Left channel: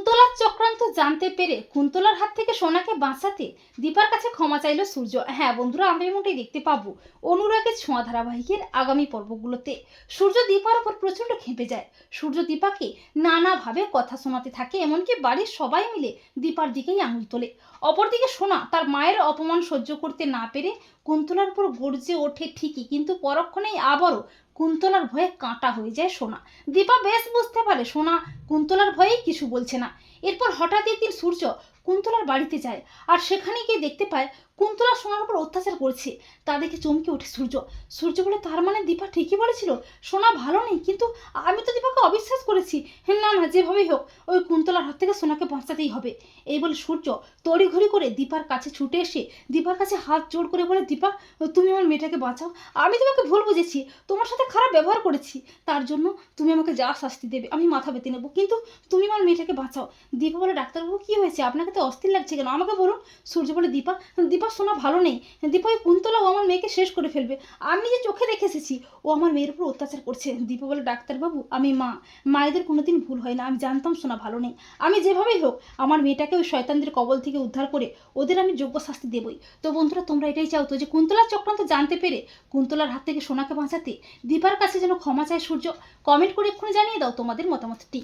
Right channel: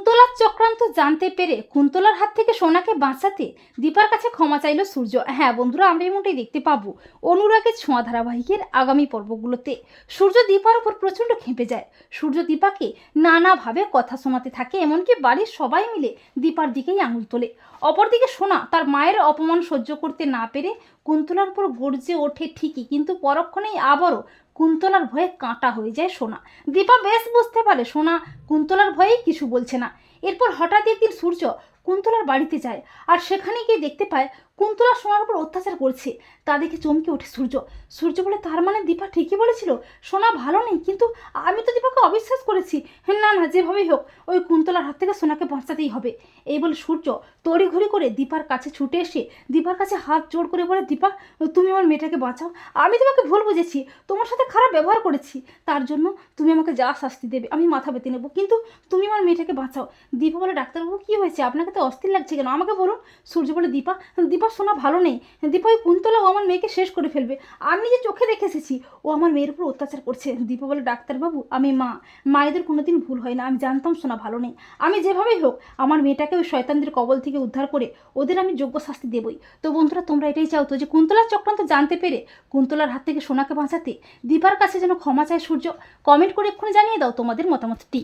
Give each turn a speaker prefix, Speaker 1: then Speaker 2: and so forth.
Speaker 1: preguntó la কুন্তলার চক্রান্ত জানতে পেরে কুন্তলার হাত থেকে সোনাকে বাঁচাতে দীপার কাছে ক্ষমা চাইল সূর্য। হ্যাঁ বন্ধুরা, আমরা এমনটাই দেখতে পাবো অনুরাগের ছোঁয়া ধারাবাহিকের আগামী পর্বগুলোতে। সূর্য দীপার উপর প্রচণ্ড খেপে যায়। সূর্য দীপাকে নানাভাবে কথা শোনাতে থাকে, এমনকি বাড়ির সবাই মিলে দীপার দিকেই আঙুল তোলে। অপরদিকে সোনা তার মায়ের অপমান সহ্য করতে না পেরে কুন্তলার উপর গর্জে ওঠে ঠিকই, কিন্তু পরক্ষণেই আবারও কুন্তলার ভয়ে কাঁটা হয়ে যায় সোনা। দীপা বেশ বুঝতে পারে, সোনা কুন্তলার ভয়েই কিছু বলছে না। এরপর হঠাৎ একদিন সূর্য কুন্তলার বাড়িতে যায় আর সেখানে গিয়ে দেখতে পায় কুন্তলা সোনার উপর অত্যাচার করছে। তা দেখে চমকে ওঠে সূর্য। সূর্য বলে, তার মানে দীপা ঠিকই বলেছিল, সোনা ভালো নেই, কিন্তু আমি তো দীপাকে অবিশ্বাস করেছি। হ্যাঁ না না, যেভাবেই হোক, ওই কুন্তলার হাত থেকে সোনাকে বাঁচাতেই হবে। এই বলে সূর্য তড়িঘড়ি করে দীপার কাছে ছুটে এসে দীপার কাছে হাত জোড় করে বলে, দীপা, তুমি আমার মেয়েটাকে বাঁচাও। আমি তোমাকে ভুল বুঝেছি, তোমার সাথে খারাপ ব্যবহার করেছি। তার জন্য তুমি আমাকে যা শাস্তি দেবে, আমি মাথা পেতে নেব, কিন্তু তুমি আমার মেয়েটাকে বাঁচাও। দীপা বলে, ডাক্তারবাবু, কী হয়েছে? আপনাকে তো অস্থির লাগছে কেন? আমাকে বলুন, সূর্য বলে দীপা দীপা শোনা ভালো নেই। দীপা ওই কুন্তলা আমার মেয়েকে শেষ করে ফেলবে। আমি যে চোখে দেখে এসেছি, ও আমার মেয়ের উপর অত্যাচার করছে। দীপা বলে, ডাক্তারবাবু, আমি মা। মায়েদের কোনোদিন ভুল হয় না। আমি জানতাম শোনা ভালো নেই। আমি যেভাবেই হোক, আমার মেয়েটাকে ওই শয়তানদের কবল থেকে উদ্ধার করে ওদের আমি যোগ্য শাস্তি দেবই। তো বন্ধুরা, তোমরা এটাই চাও তো যে কুন্তলার চক্রান্ত জানতে পেরে কুন্তলার হাত থেকে সোনাকে বাঁচাতে দীপার কাছে যেন ক্ষমা চায় সূর্য কমেন্ট করে এক্ষুনি জানিয়ে দাও তোমাদের মতামতটি।